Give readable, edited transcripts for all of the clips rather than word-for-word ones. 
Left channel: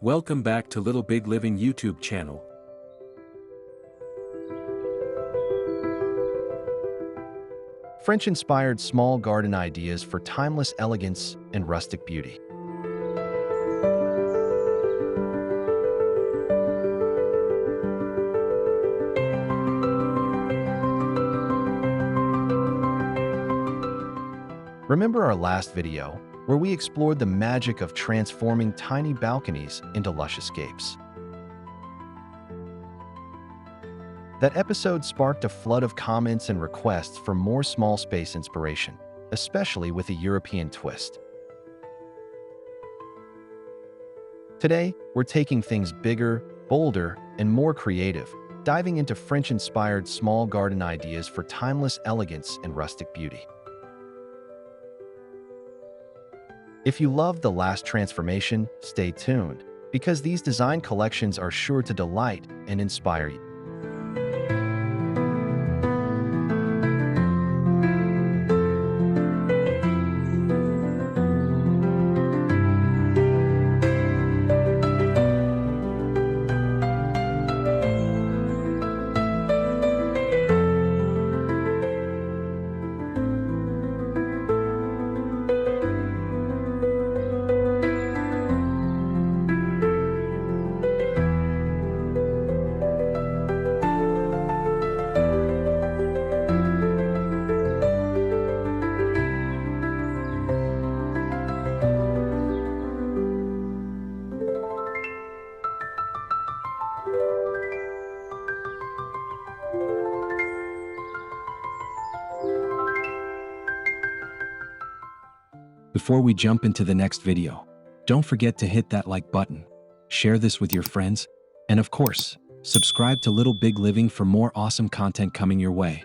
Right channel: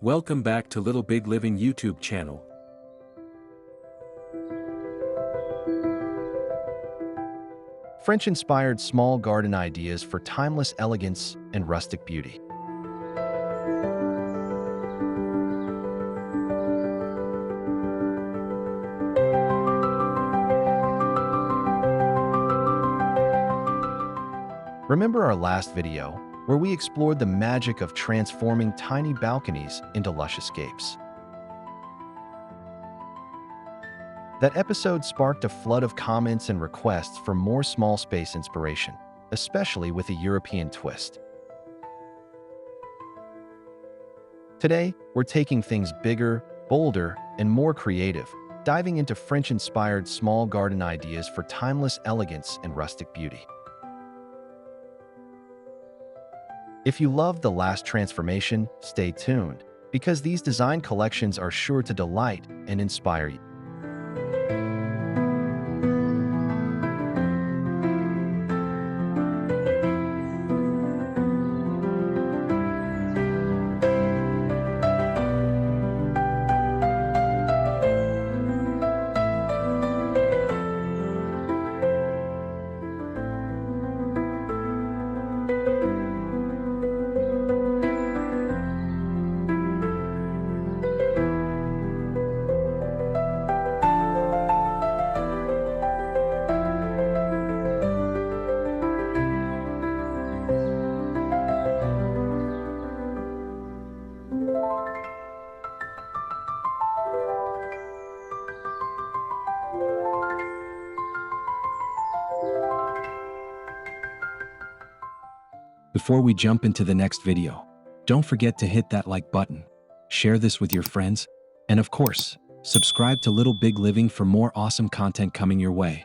Welcome back to Little Big Living YouTube channel. French-inspired small garden ideas for timeless elegance and rustic beauty. Remember our last video, where we explored the magic of transforming tiny balconies into lush escapes? That episode sparked a flood of comments and requests for more small space inspiration, especially with a European twist. Today, we're taking things bigger, bolder, and more creative, diving into French-inspired small garden ideas for timeless elegance and rustic beauty. If you loved the last transformation, stay tuned, because these design collections are sure to delight and inspire you. Before we jump into the next video, don't forget to hit that like button, share this with your friends, and of course, subscribe to Little Big Living for more awesome content coming your way.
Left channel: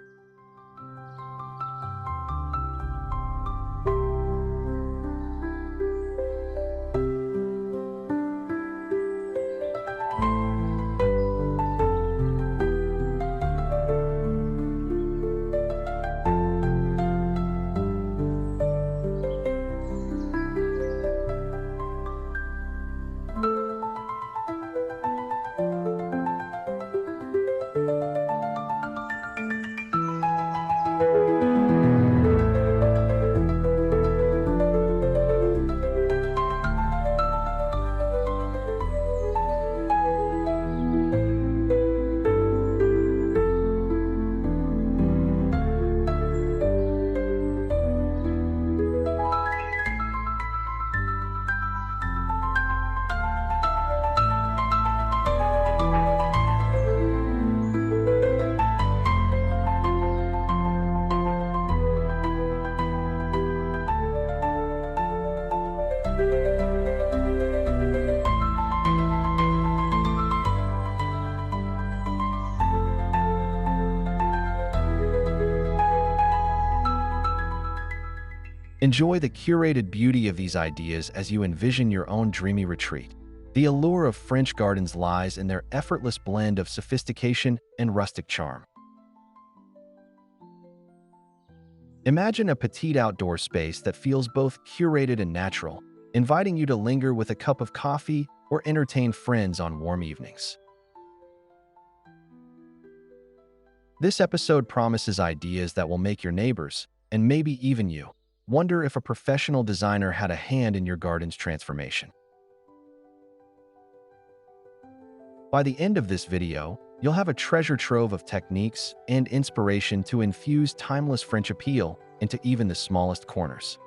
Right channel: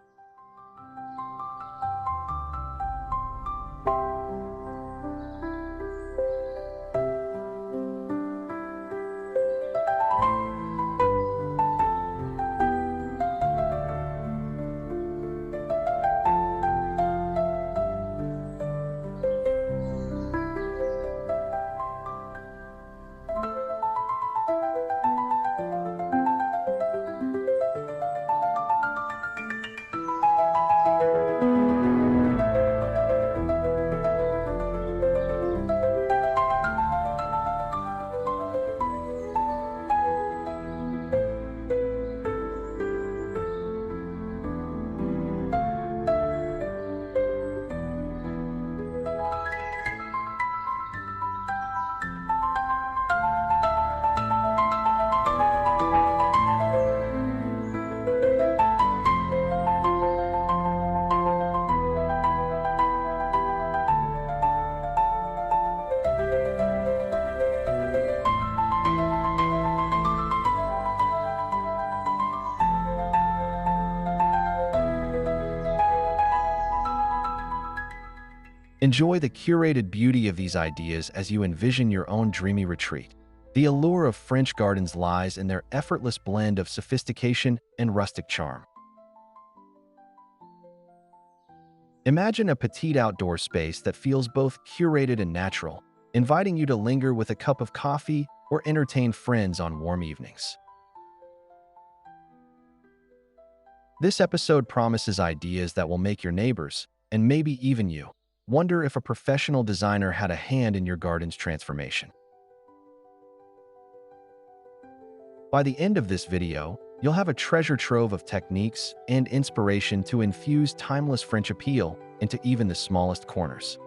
Enjoy the curated beauty of these ideas as you envision your own dreamy retreat. The allure of French gardens lies in their effortless blend of sophistication and rustic charm. Imagine a petite outdoor space that feels both curated and natural, inviting you to linger with a cup of coffee or entertain friends on warm evenings. This episode promises ideas that will make your neighbors, and maybe even you, wonder if a professional designer had a hand in your garden's transformation. By the end of this video, you'll have a treasure trove of techniques and inspiration to infuse timeless French appeal into even the smallest corners.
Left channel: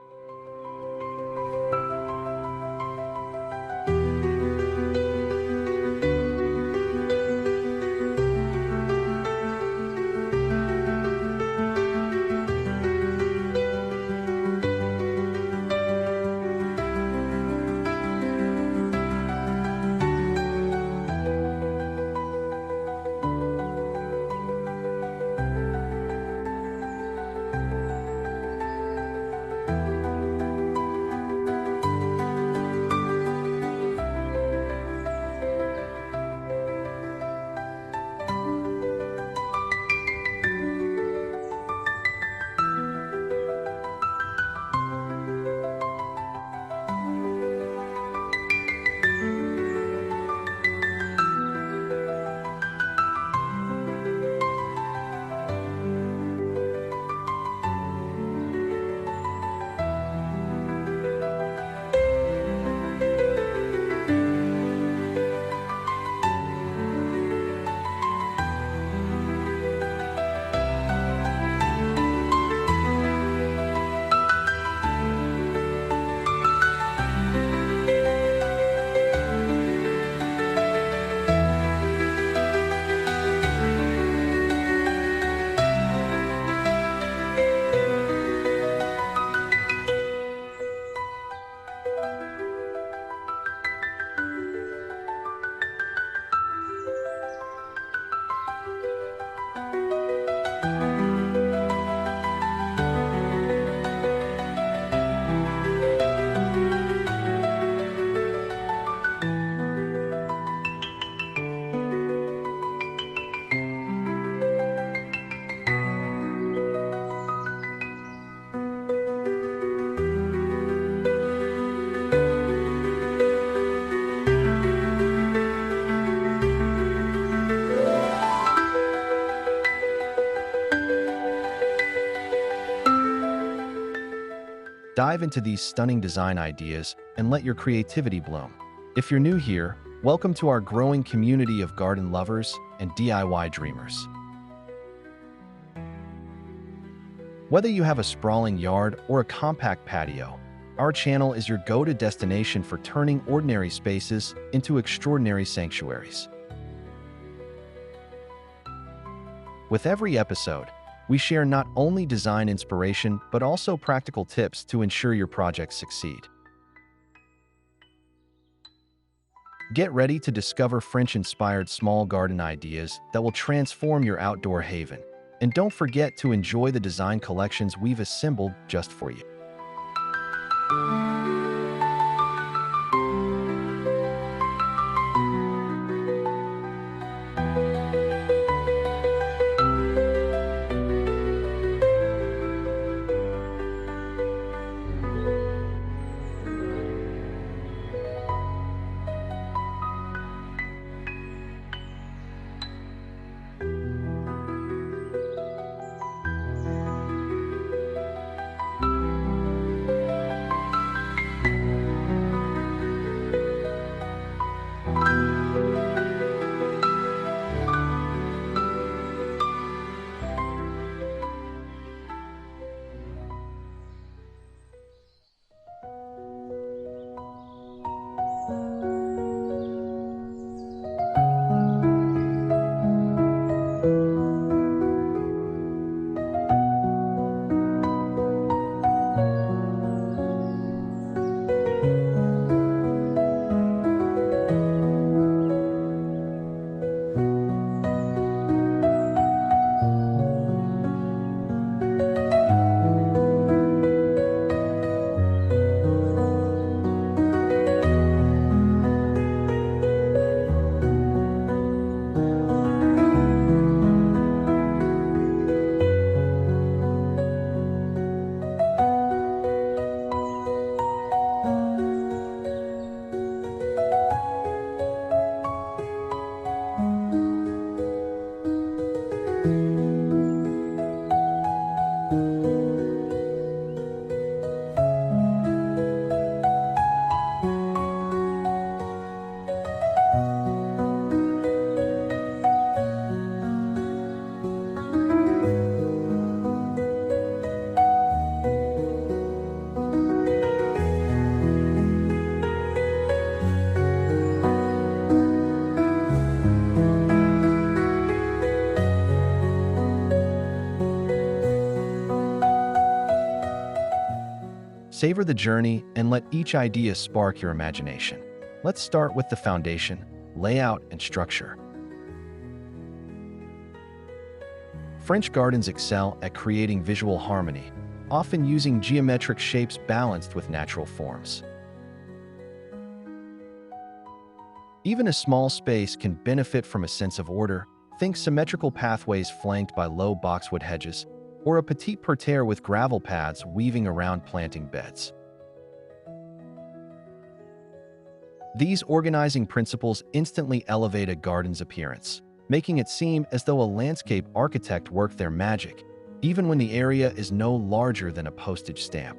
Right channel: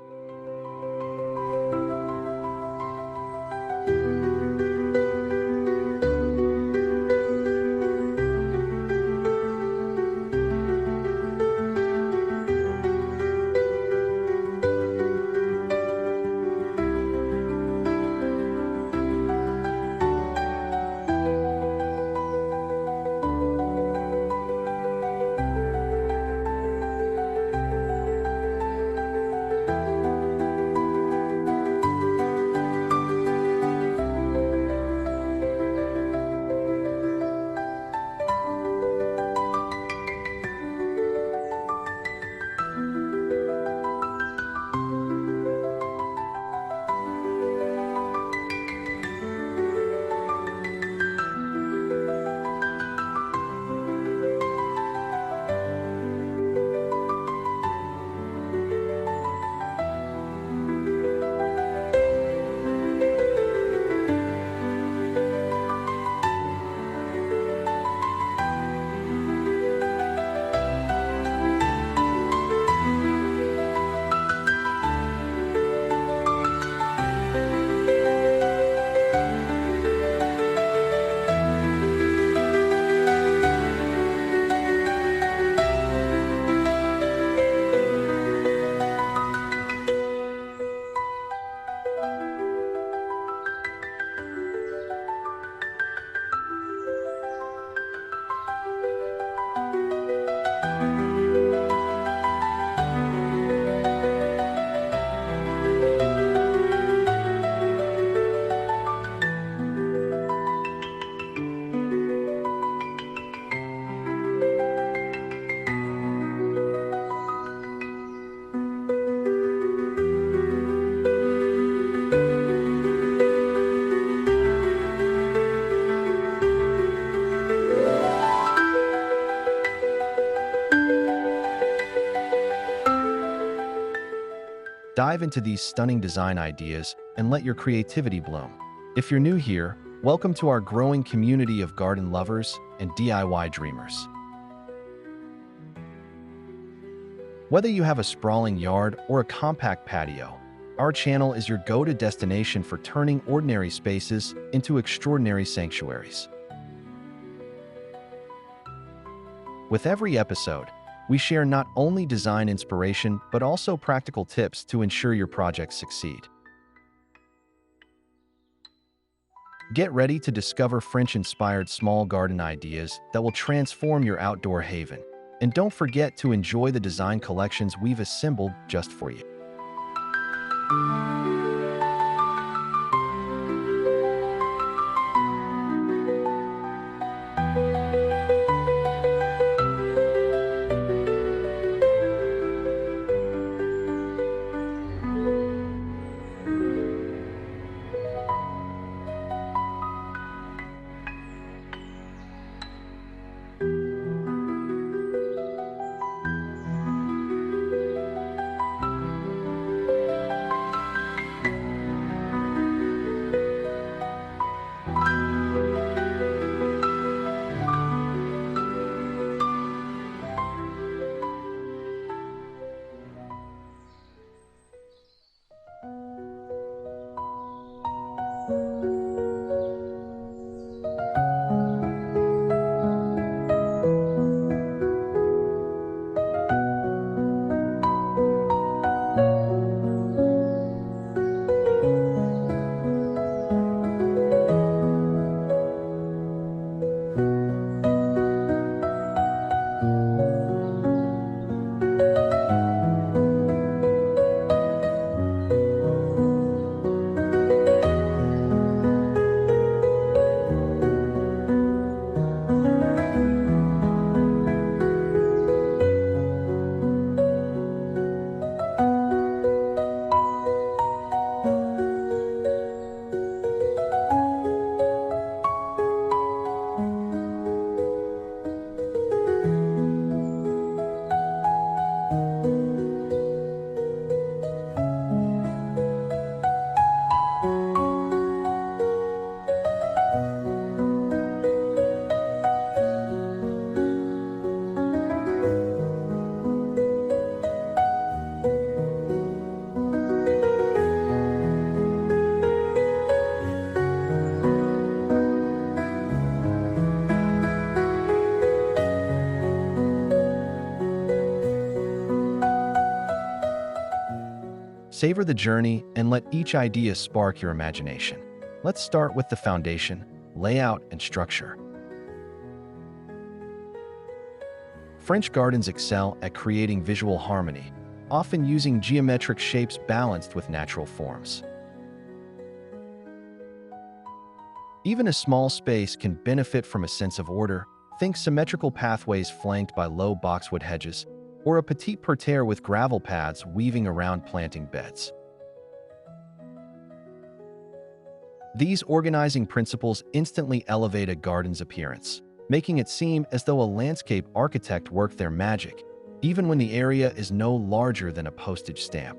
Dive into these stunning design ideas and let your creativity bloom. If you're new here, welcome to our growing community of garden lovers and DIY dreamers. Whether you have a sprawling yard or a compact patio, our channel is your go-to destination for turning ordinary spaces into extraordinary sanctuaries. With every episode, we share not only design inspiration but also practical tips to ensure your projects succeed. Get ready to discover French-inspired small garden ideas that will transform your outdoor haven. And don't forget to enjoy the design collections we've assembled just for you. Savor the journey and let each idea spark your imagination. Let's start with the foundation, layout, and structure. French gardens excel at creating visual harmony, often using geometric shapes balanced with natural forms. Even a small space can benefit from a sense of order. Think symmetrical pathways flanked by low boxwood hedges, or a petit parterre with gravel paths weaving around planting beds. These organizing principles instantly elevate a garden's appearance, making it seem as though a landscape architect worked their magic, even when the area is no larger than a postage stamp.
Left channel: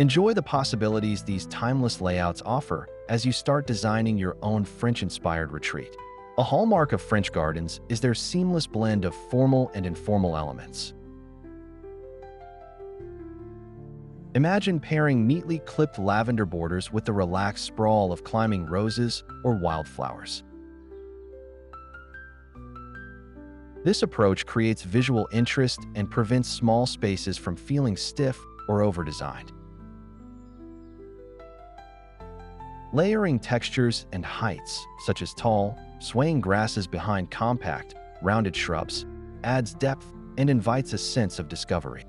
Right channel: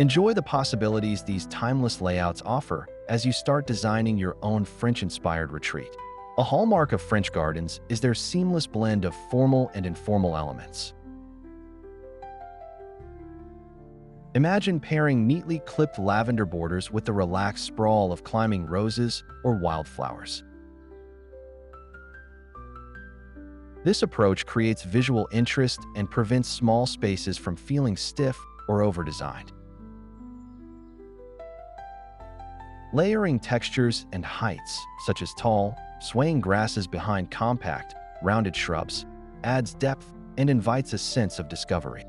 Enjoy the possibilities these timeless layouts offer as you start designing your own French-inspired retreat. A hallmark of French gardens is their seamless blend of formal and informal elements. Imagine pairing neatly clipped lavender borders with the relaxed sprawl of climbing roses or wildflowers. This approach creates visual interest and prevents small spaces from feeling stiff or over-designed. Layering textures and heights, such as tall, swaying grasses behind compact, rounded shrubs, adds depth and invites a sense of discovery.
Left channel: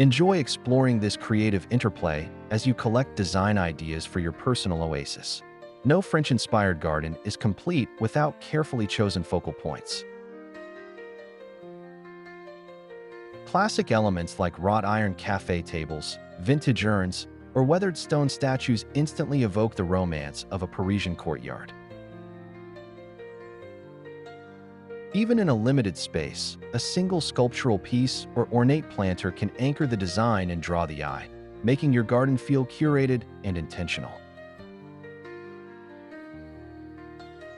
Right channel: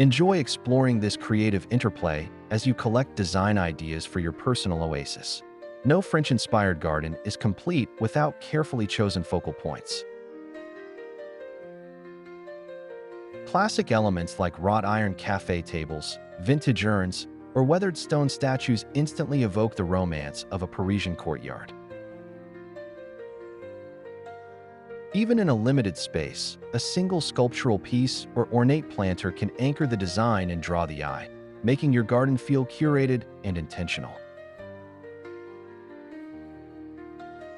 Enjoy exploring this creative interplay as you collect design ideas for your personal oasis. No French-inspired garden is complete without carefully chosen focal points. Classic elements like wrought iron cafe tables, vintage urns, or weathered stone statues instantly evoke the romance of a Parisian courtyard. Even in a limited space, a single sculptural piece or ornate planter can anchor the design and draw the eye, making your garden feel curated and intentional.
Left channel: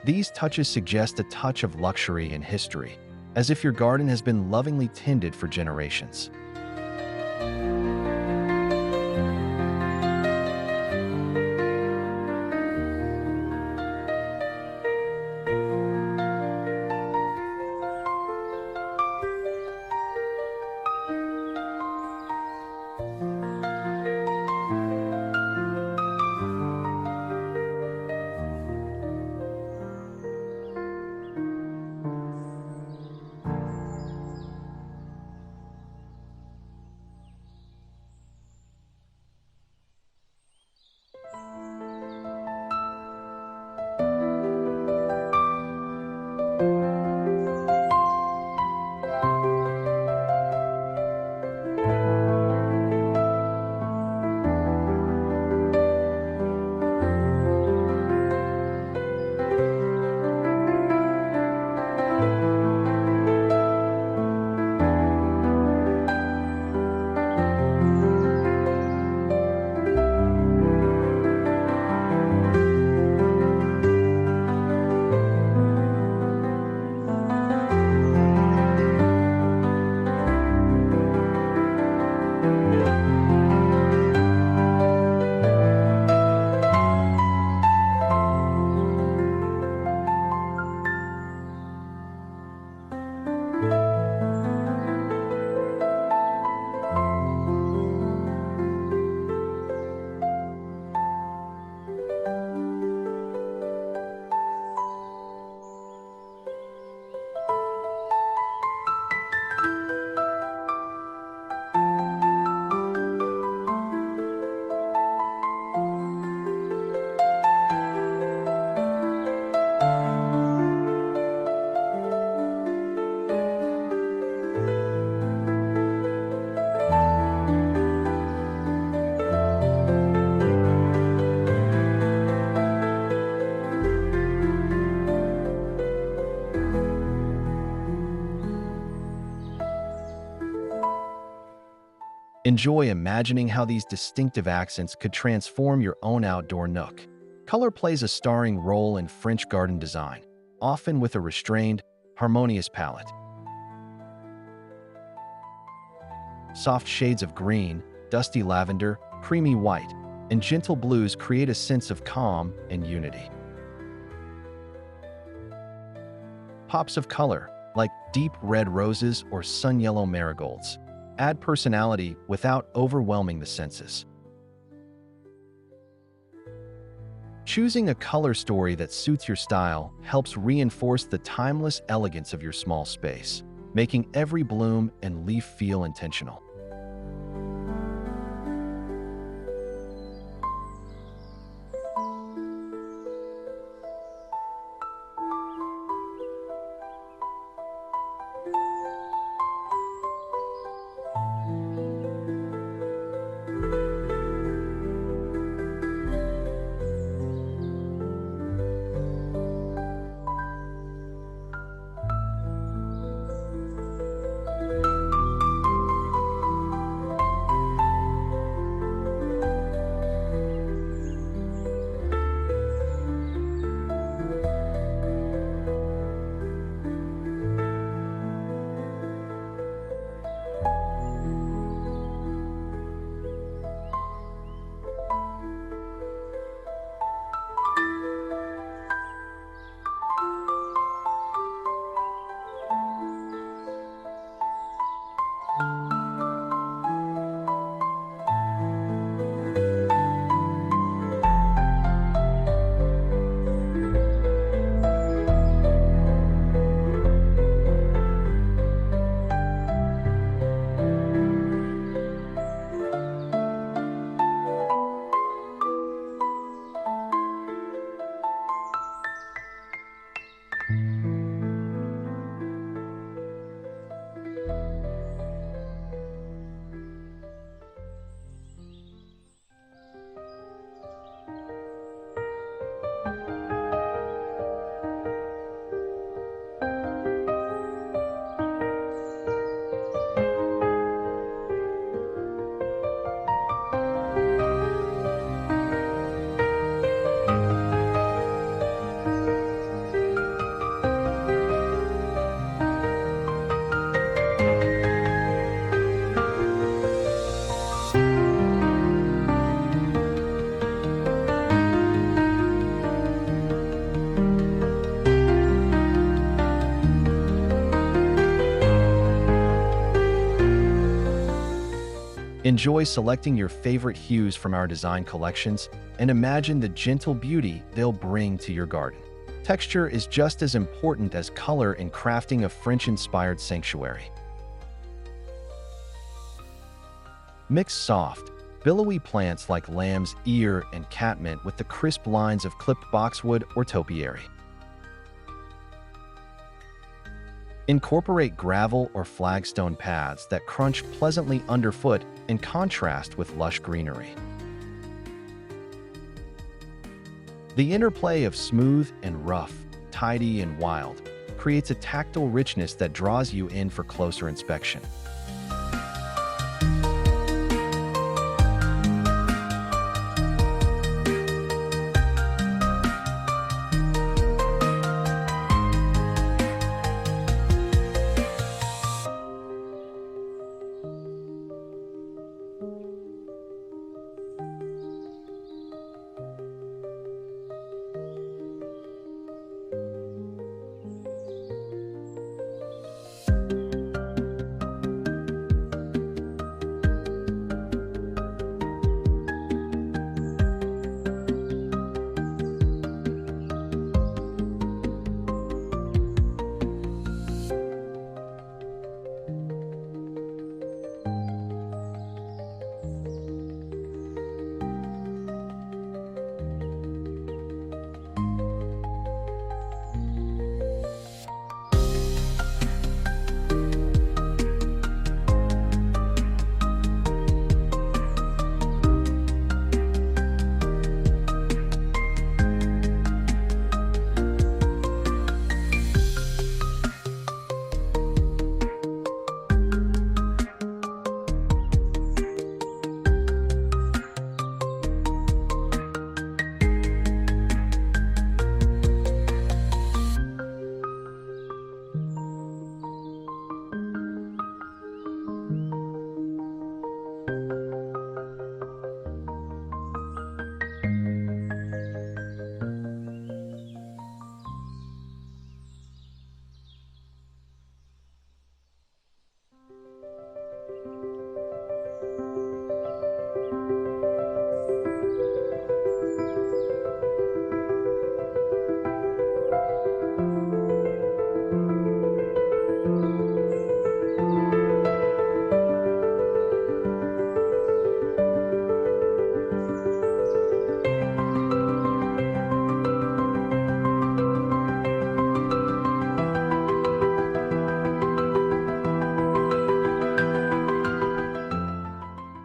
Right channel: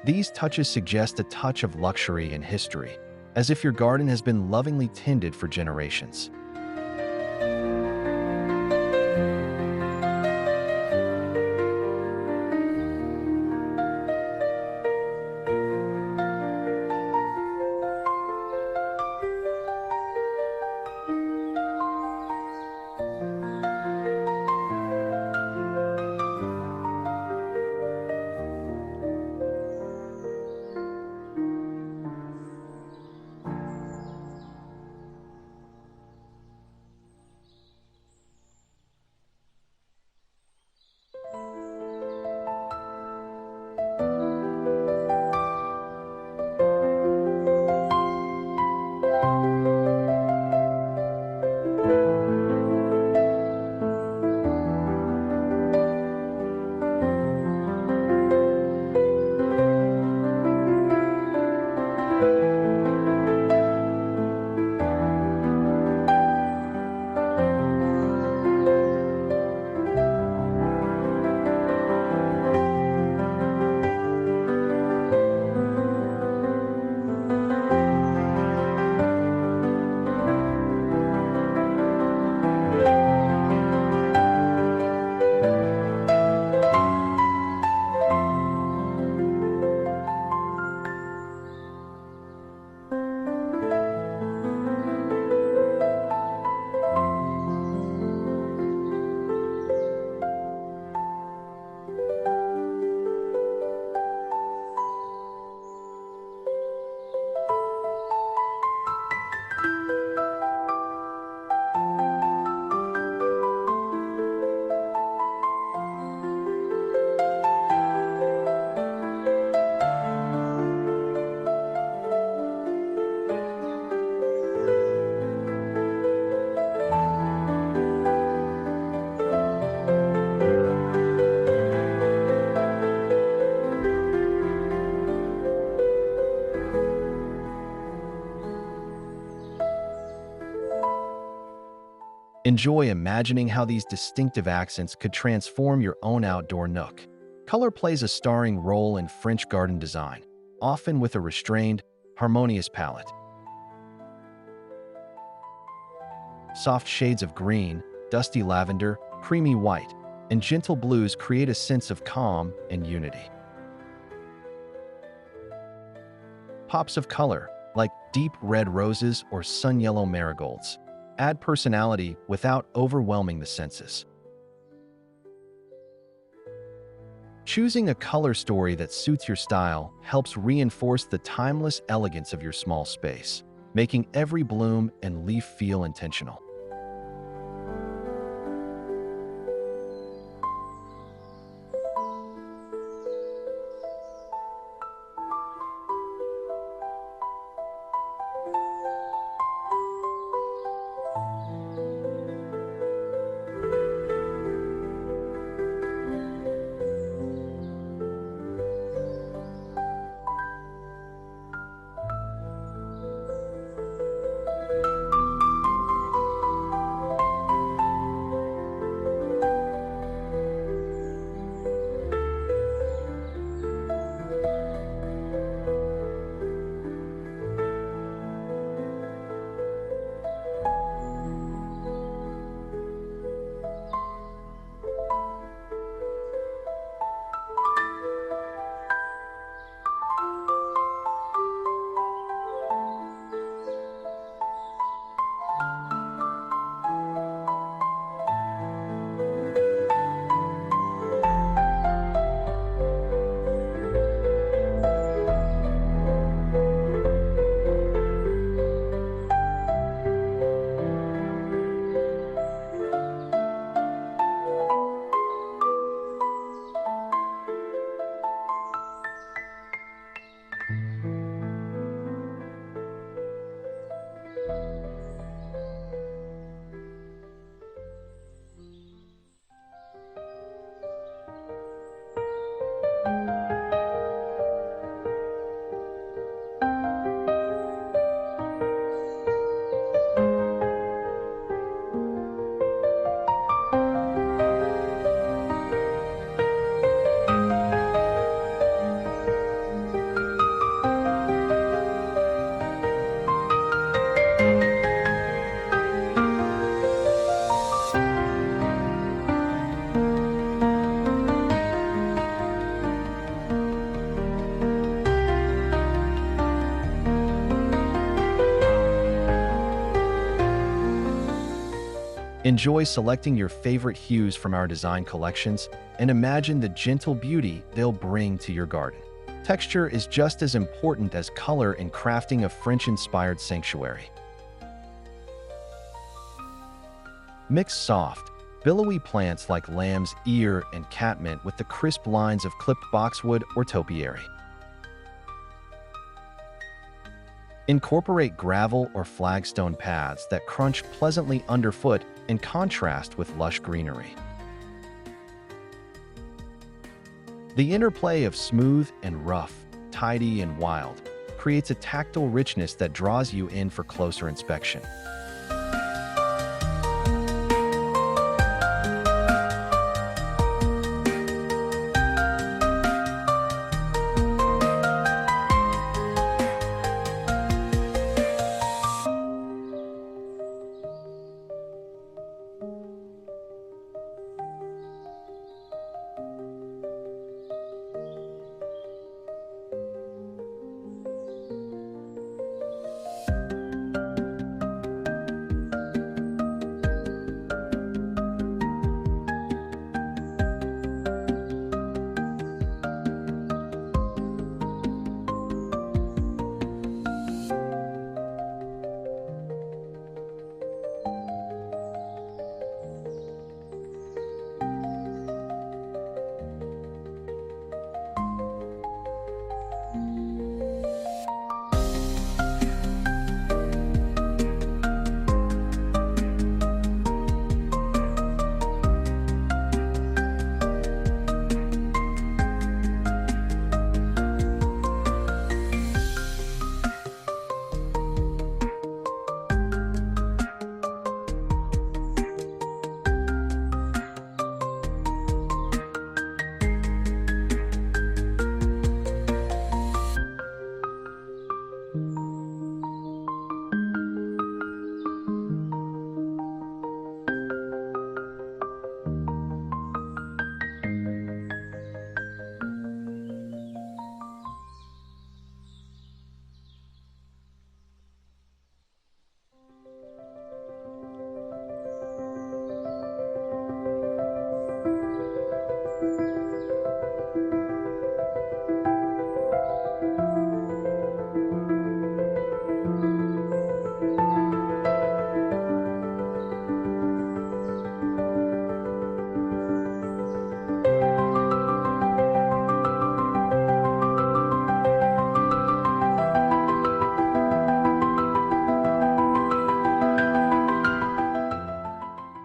These touches suggest a touch of luxury and history, as if your garden has been lovingly tended for generations. Enjoy imagining how these distinctive accents could transform your own outdoor nook. Color plays a starring role in French garden design, often with a restrained, harmonious palette. Soft shades of green, dusty lavender, creamy white, and gentle blues create a sense of calm and unity. Pops of color, like deep red roses or sun yellow marigolds, add personality without overwhelming the senses. Choosing a color story that suits your style helps reinforce the timeless elegance of your small space, making every bloom and leaf feel intentional. Enjoy selecting your favorite hues from our design collections and imagine the gentle beauty they'll bring to your garden. Texture is just as important as color in crafting a French-inspired sanctuary. Mix soft, billowy plants like lamb's ear and catmint with the crisp lines of clipped boxwood or topiary. Incorporate gravel or flagstone paths that crunch pleasantly underfoot in contrast with lush greenery. The interplay of smooth and rough, tidy and wild, creates a tactile richness that draws you in for closer inspection.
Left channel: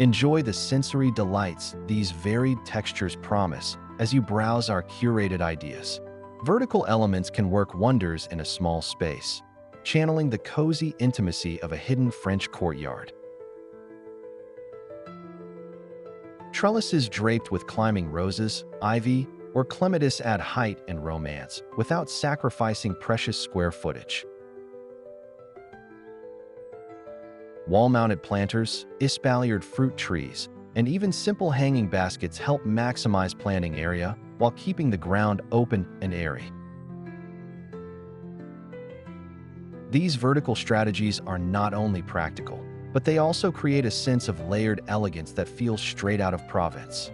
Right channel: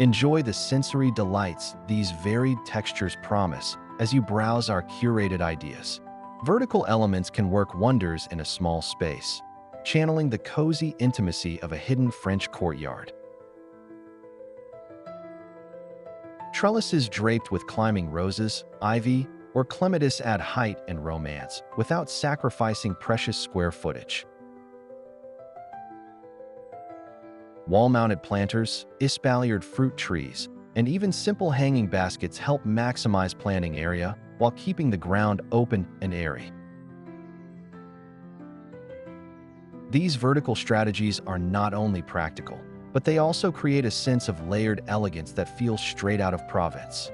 Enjoy the sensory delights these varied textures promise as you browse our curated ideas. Vertical elements can work wonders in a small space, channeling the cozy intimacy of a hidden French courtyard. Trellises draped with climbing roses, ivy, or clematis add height and romance without sacrificing precious square footage. Wall-mounted planters, espaliered fruit trees, and even simple hanging baskets help maximize planting area while keeping the ground open and airy. These vertical strategies are not only practical, but they also create a sense of layered elegance that feels straight out of Provence.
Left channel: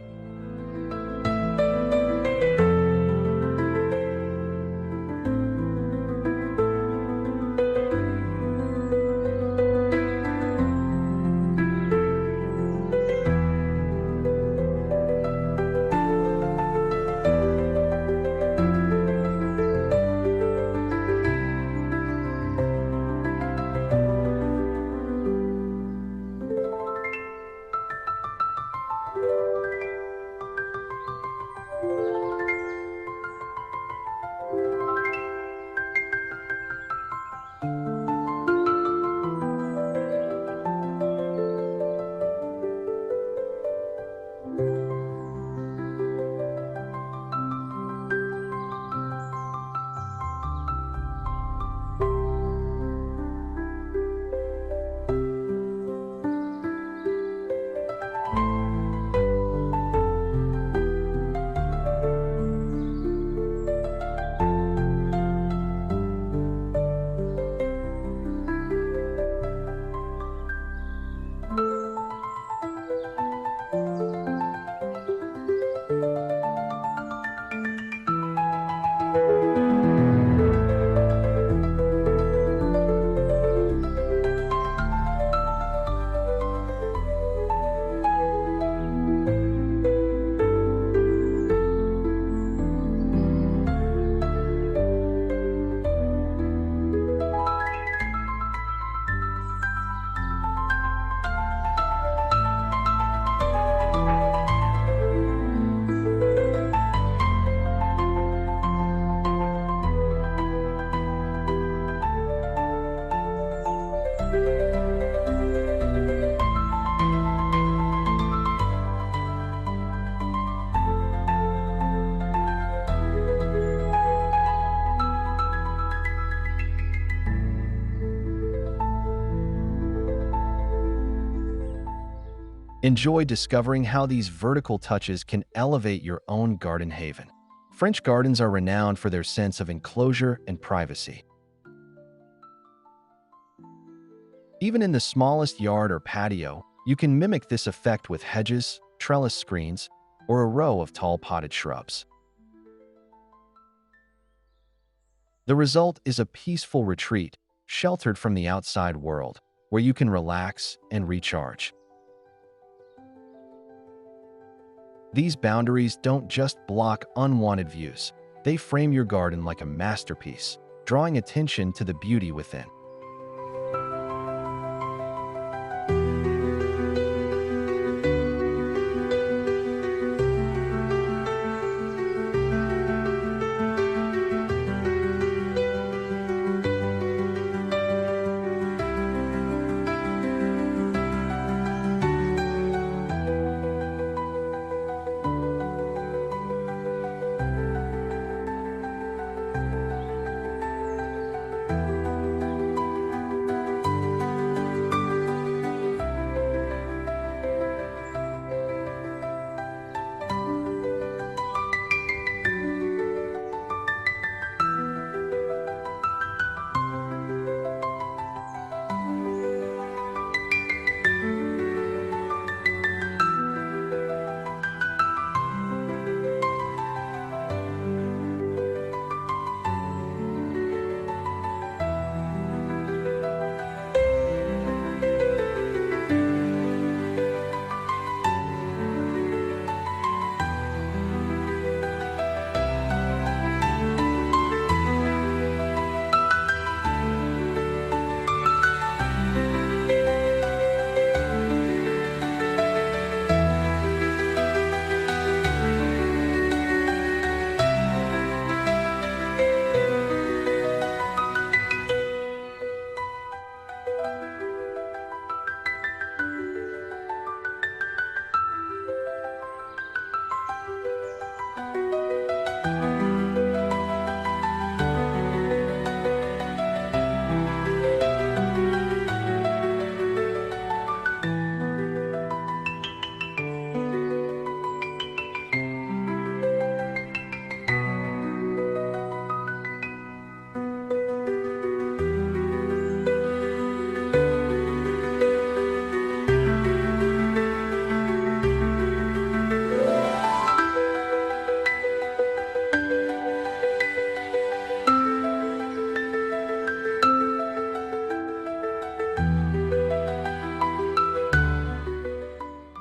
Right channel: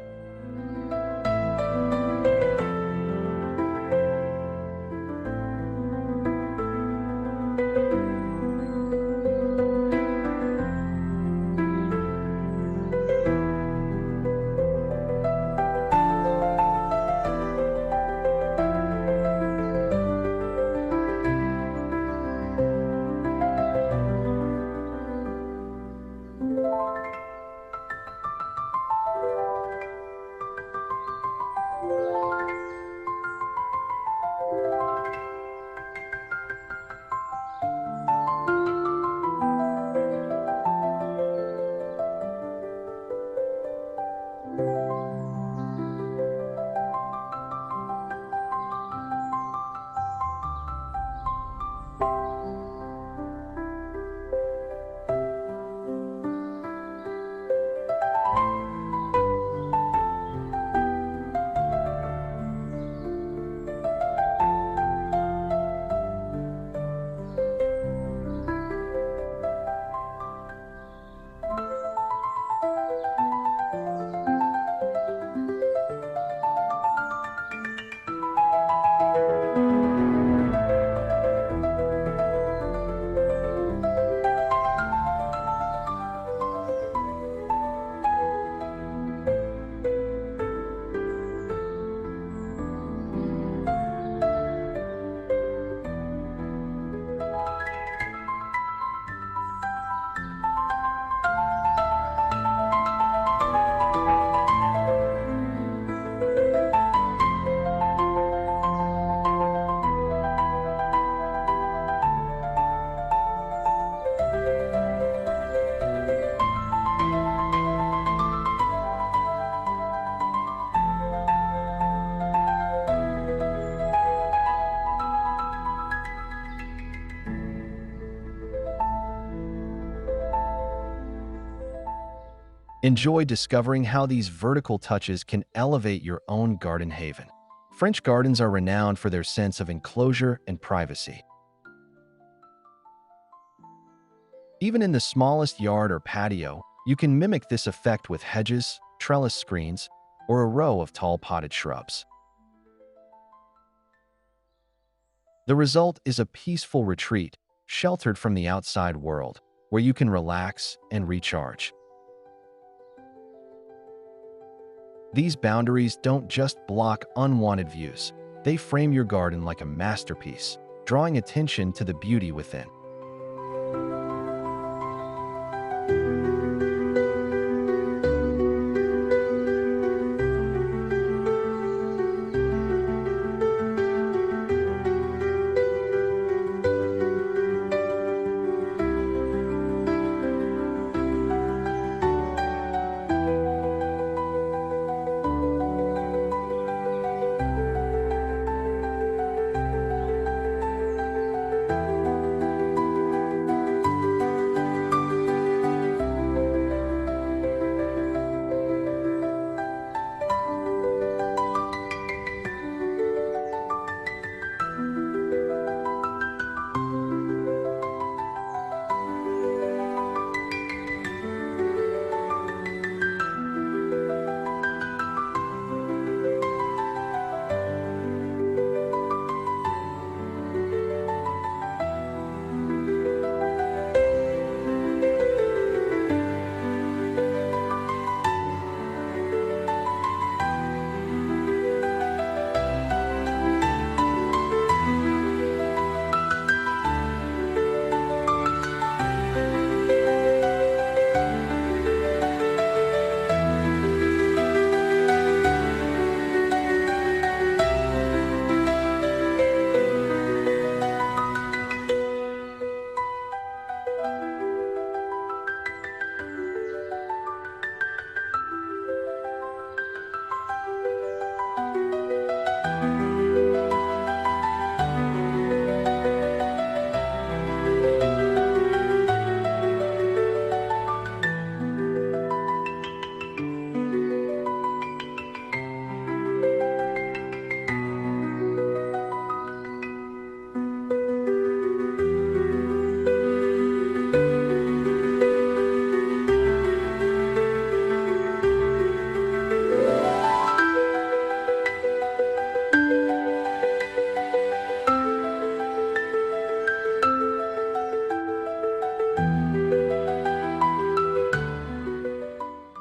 Enjoy discovering how these vertical touches can elevate your own garden haven. French gardens are renowned for their sense of enclosure and privacy. Even in the smallest yard or patio, you can mimic this effect with hedges, trellis screens, or a row of tall potted shrubs. The result is a peaceful retreat, sheltered from the outside world, where you can relax and recharge. These boundaries don't just block unwanted views, they frame your garden like a masterpiece, drawing attention to the beauty within.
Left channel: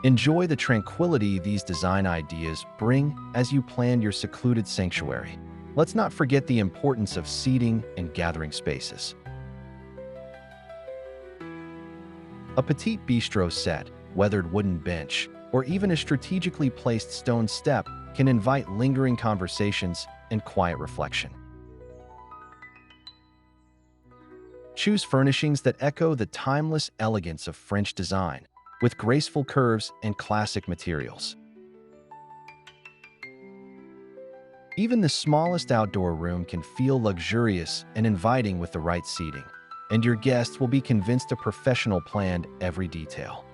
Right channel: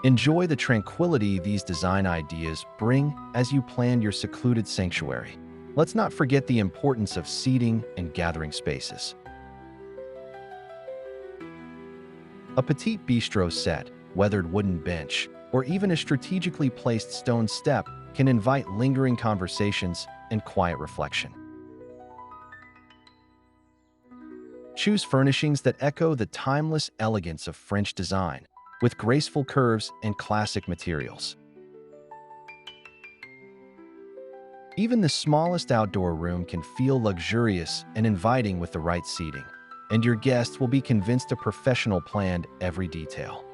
Enjoy the tranquility these design ideas bring as you plan your secluded sanctuary. Let's not forget the importance of seating and gathering spaces. A petite bistro set, weathered wooden bench, or even a strategically placed stone step can invite lingering conversations and quiet reflection. Choose furnishings that echo the timeless elegance of French design, with graceful curves and classic materials. Even the smallest outdoor room can feel luxurious and inviting with the right seating, and your guests will be convinced a professional planned every detail.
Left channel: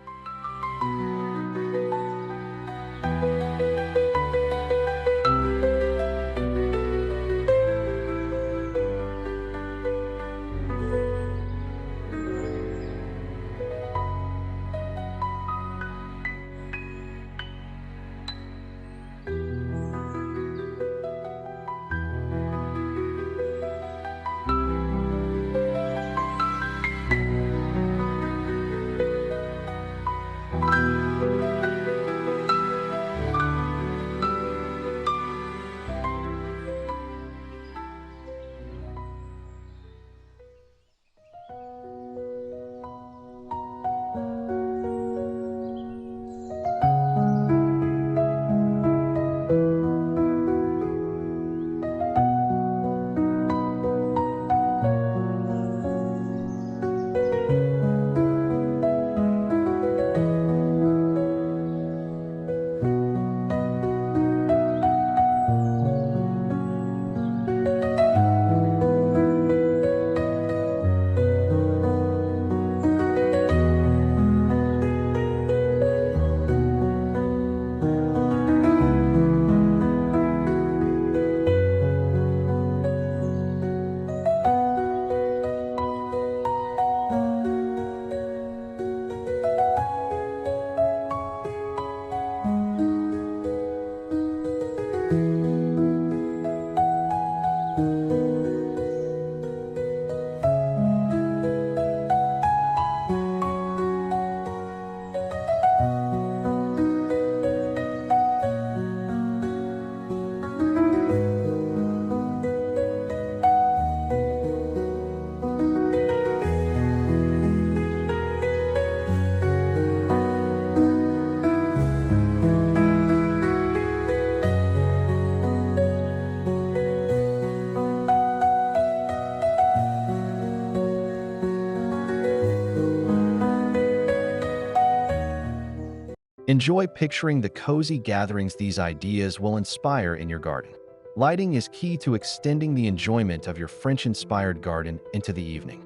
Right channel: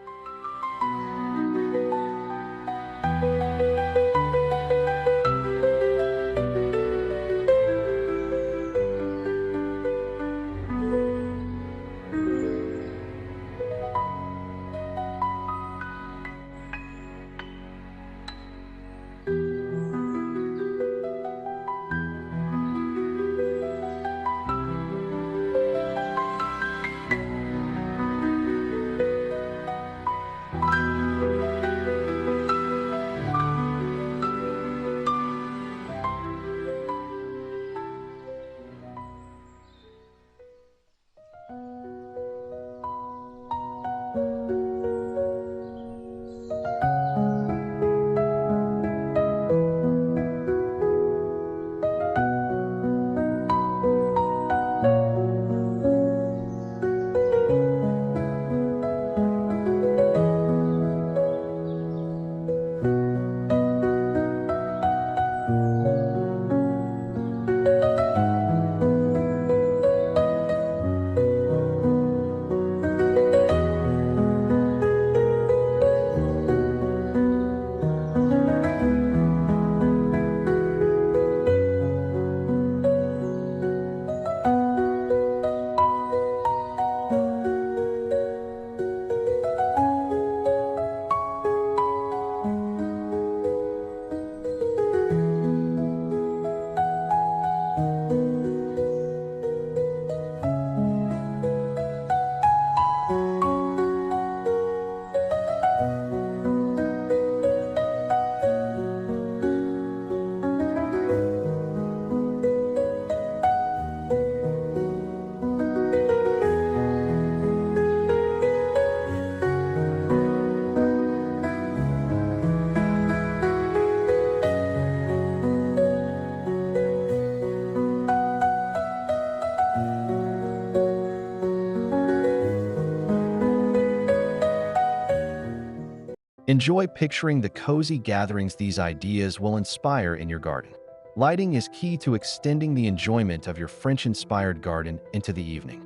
Enjoy picturing the cozy gatherings these ideas will inspire in your garden. Lighting is key to extending the enjoyment of your French-inspired garden into the evening.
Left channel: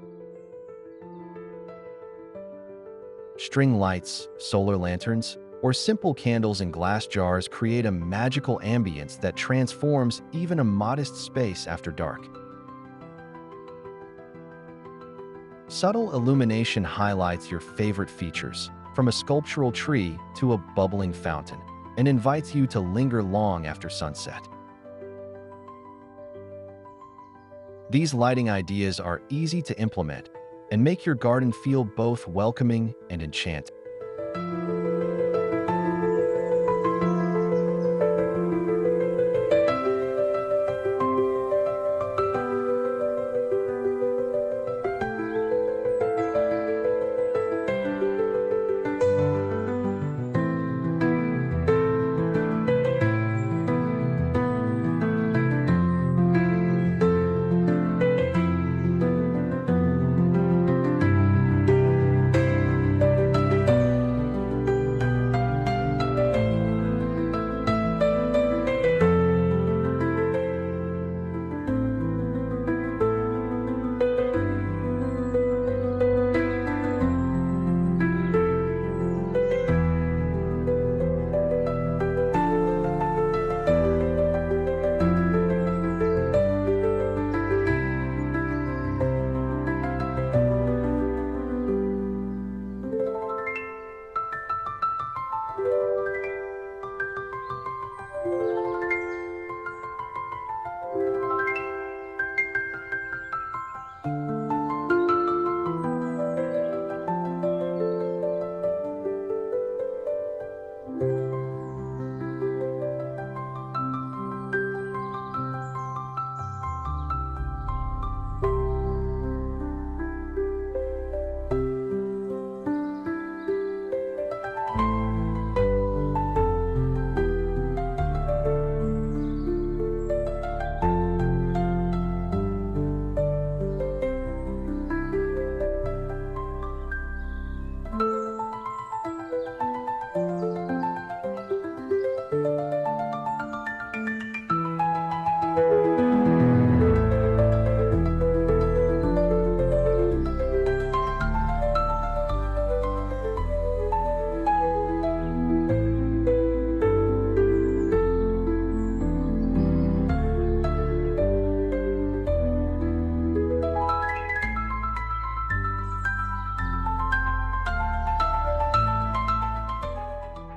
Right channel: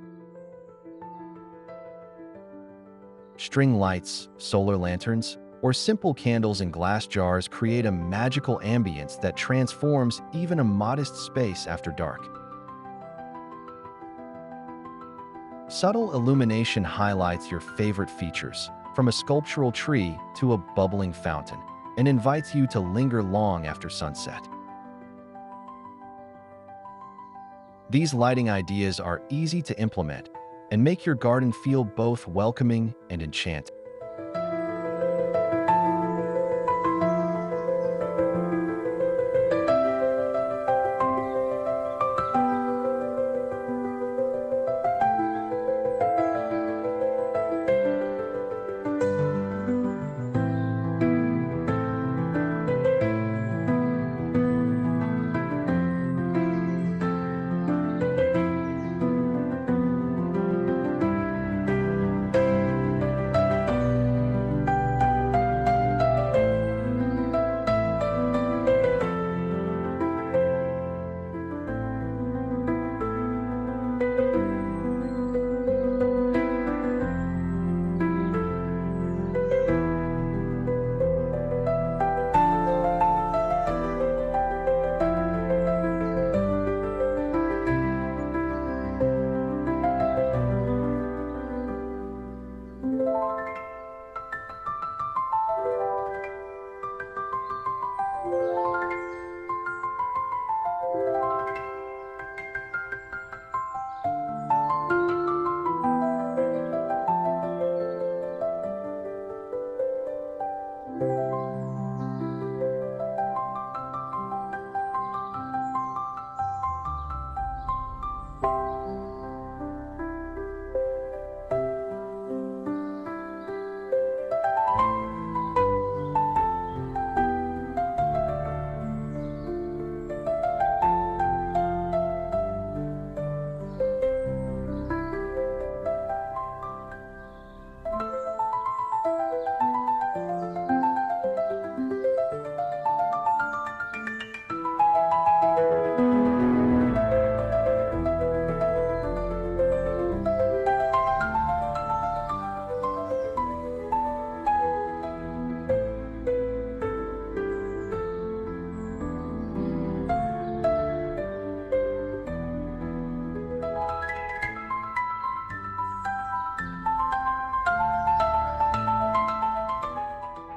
String lights, solar lanterns, or simple candles in glass jars create a magical ambience that transforms even a modest space after dark. Subtle illumination highlights your favorite features, from a sculptural tree to a bubbling fountain, and invites you to linger long after sunset. These lighting ideas are easy to implement and make your garden feel both welcoming and enchanting.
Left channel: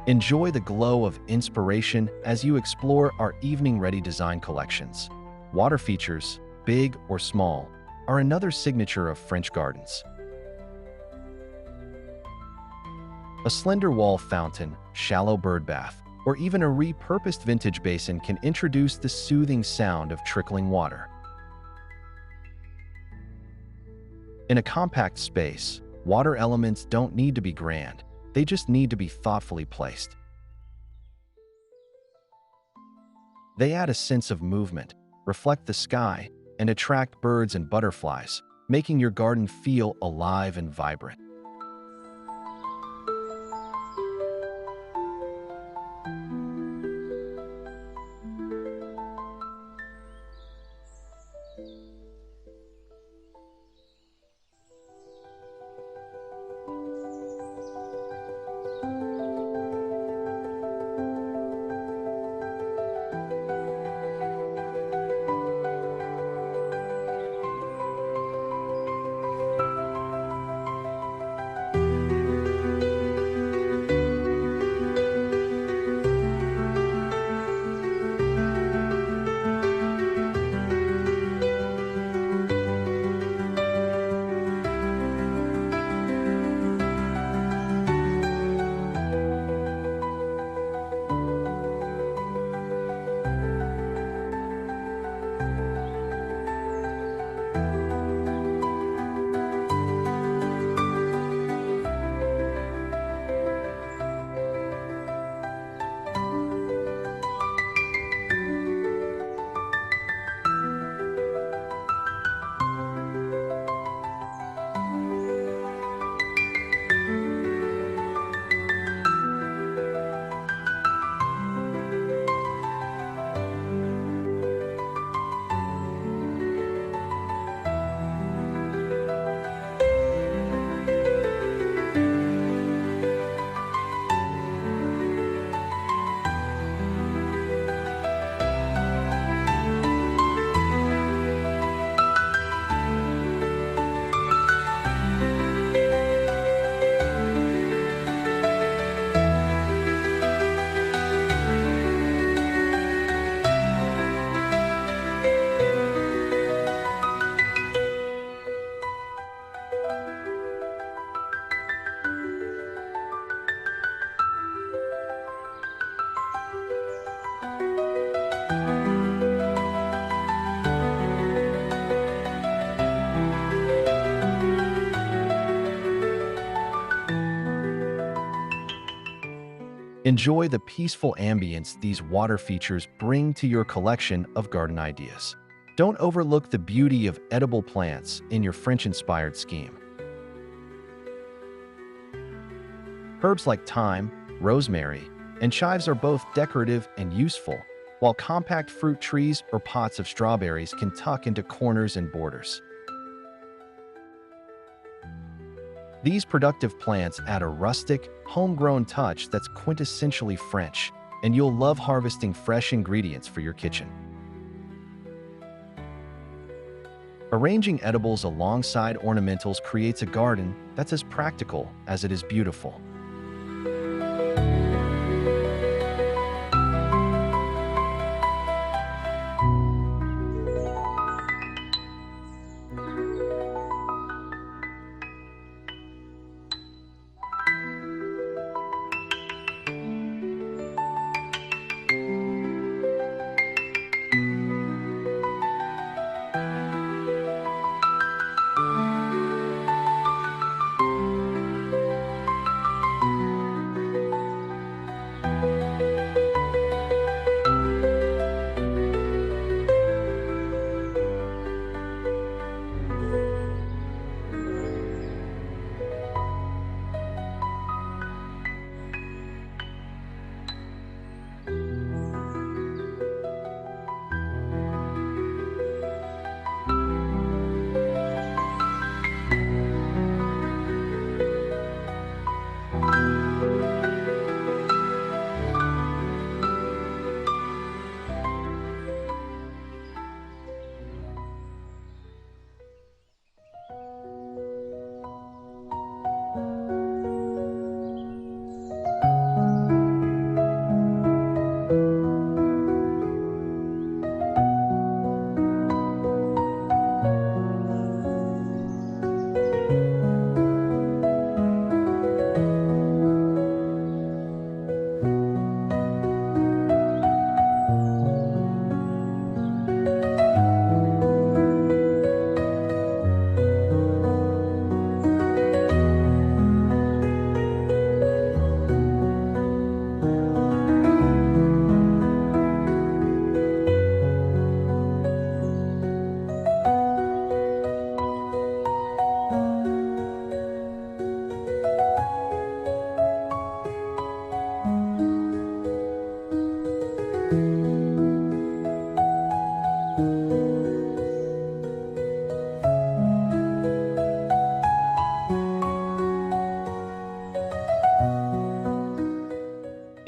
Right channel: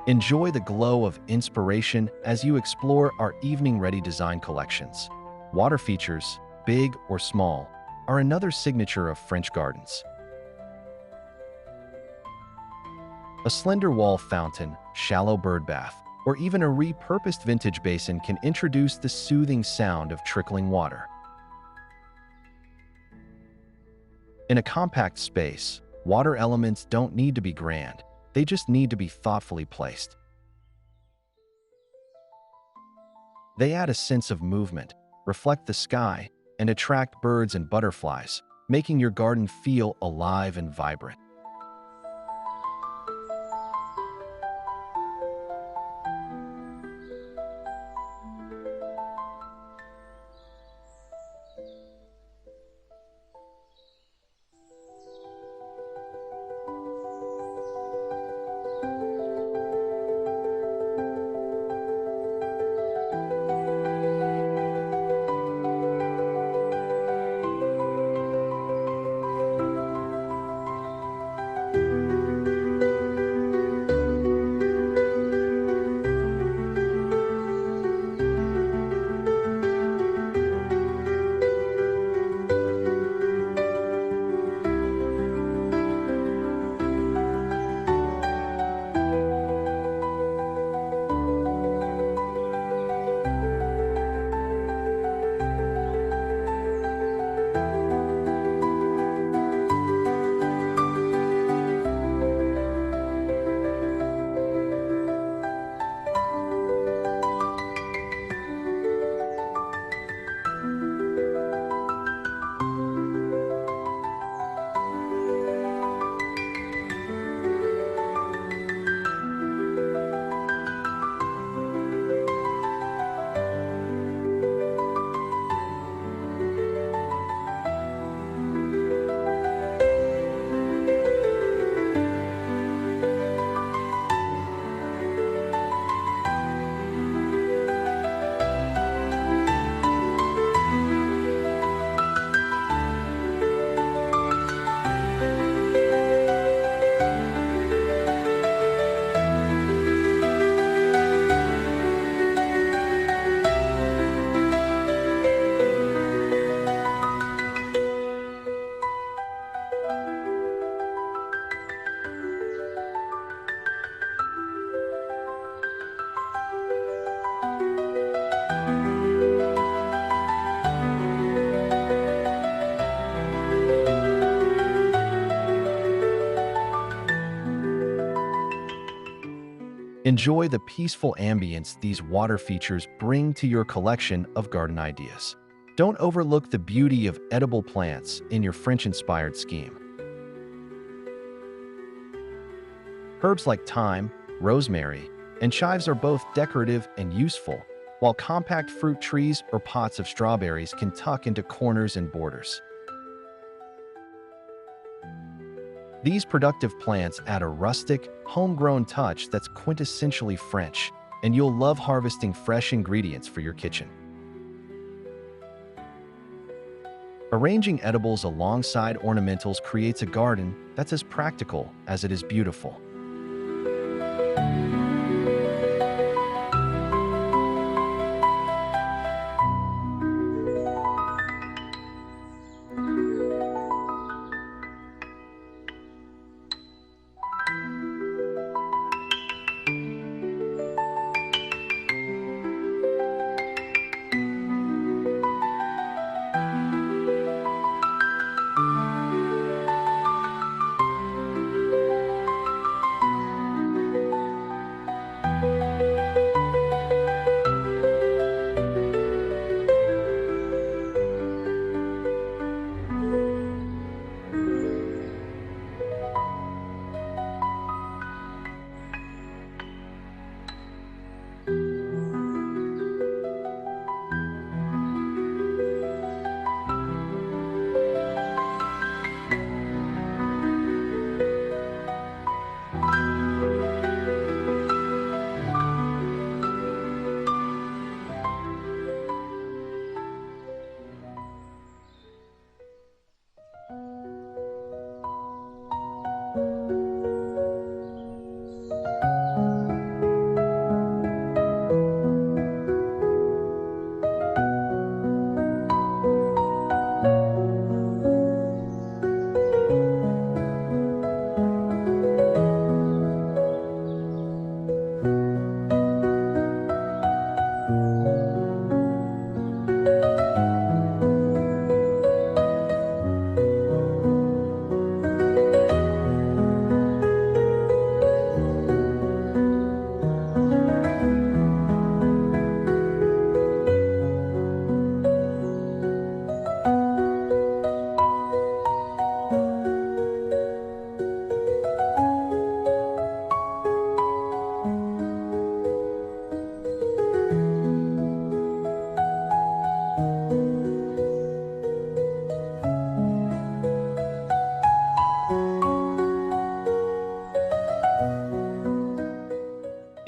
Enjoy the glow of inspiration as you explore our evening-ready design collections. Water features, big or small, are another signature of French gardens. A slender wall fountain, shallow bird bath, or even a repurposed vintage basin can introduce the soothing sound of trickling water. In a compact space, water elements don't need to be grand, they just need to be thoughtfully placed. They add a sense of movement, reflect the sky, and attract birds and butterflies, making your garden feel alive and vibrant. Enjoy the peaceful ambience these water features bring to your collection of garden ideas. Don't overlook the beauty of edible plants in your French-inspired scheme. Herbs like thyme, rosemary, and chives are both decorative and useful, while compact fruit trees or pots of strawberries can tuck into corners and borders. These productive plants add a rustic, homegrown touch that's quintessentially French, and you'll love harvesting fresh ingredients for your kitchen. Arranging edibles alongside ornamentals creates a garden that's as practical as it is beautiful.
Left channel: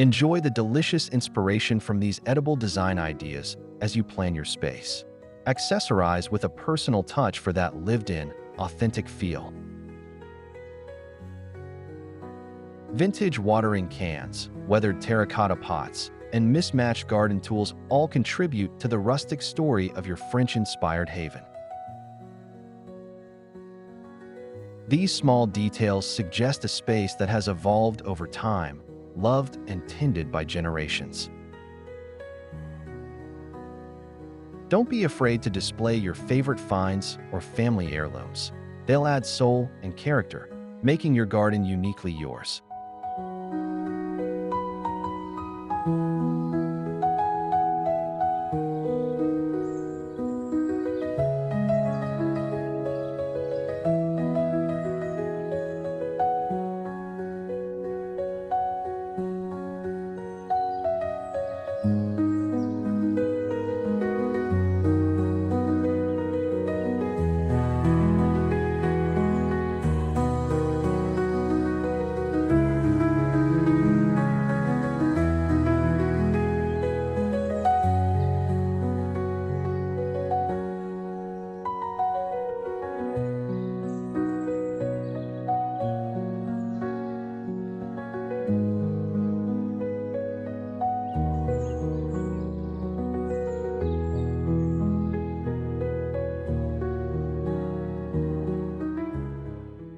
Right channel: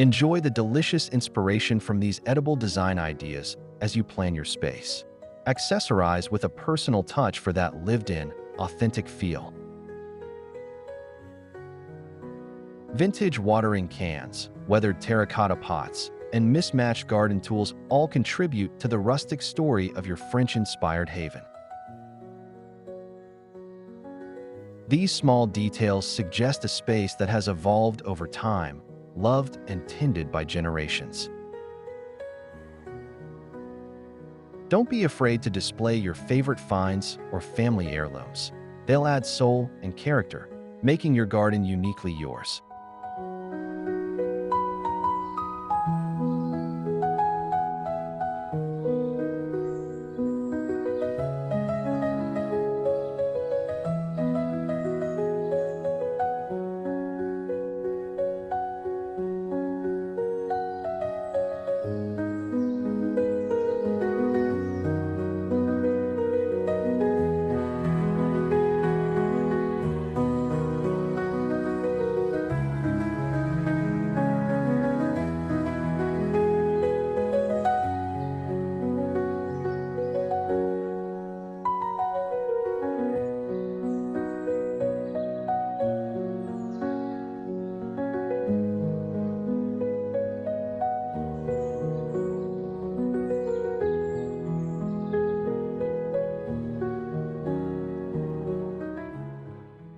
Enjoy the delicious inspiration from these edible design ideas as you plan your space. Accessorize with a personal touch for that lived-in, authentic feel. Vintage watering cans, weathered terracotta pots, and mismatched garden tools all contribute to the rustic story of your French-inspired haven. These small details suggest a space that has evolved over time, loved and tended by generations. Don't be afraid to display your favorite finds or family heirlooms. They'll add soul and character, making your garden uniquely yours.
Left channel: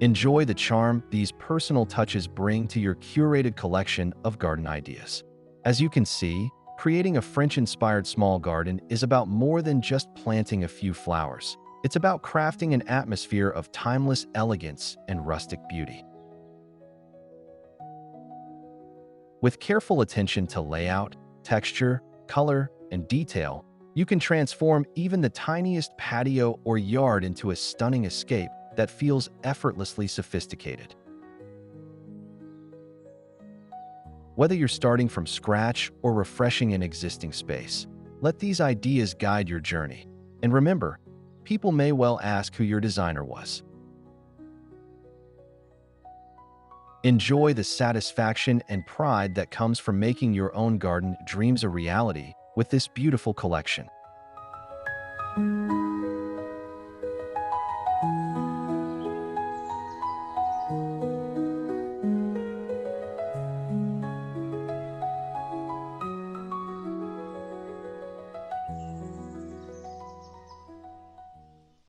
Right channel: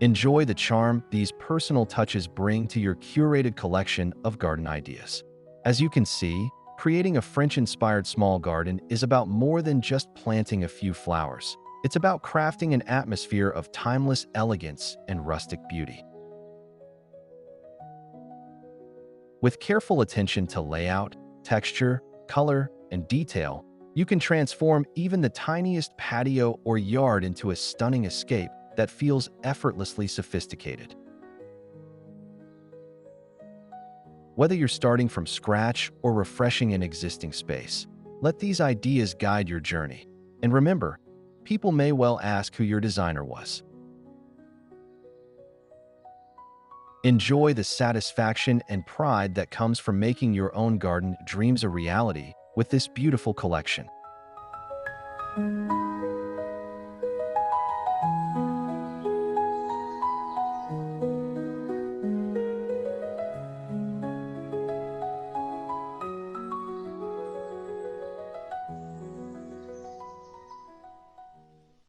Enjoy the charm these personal touches bring to your curated collection of garden ideas. As you can see, creating a French-inspired small garden is about more than just planting a few flowers. It's about crafting an atmosphere of timeless elegance and rustic beauty. With careful attention to layout, texture, color, and detail, you can transform even the tiniest patio or yard into a stunning escape that feels effortlessly sophisticated. Whether you're starting from scratch or refreshing an existing space, let these ideas guide your journey. And remember, people may well ask who your designer was. Enjoy the satisfaction and pride that comes from making your own garden dreams a reality with this beautiful collection.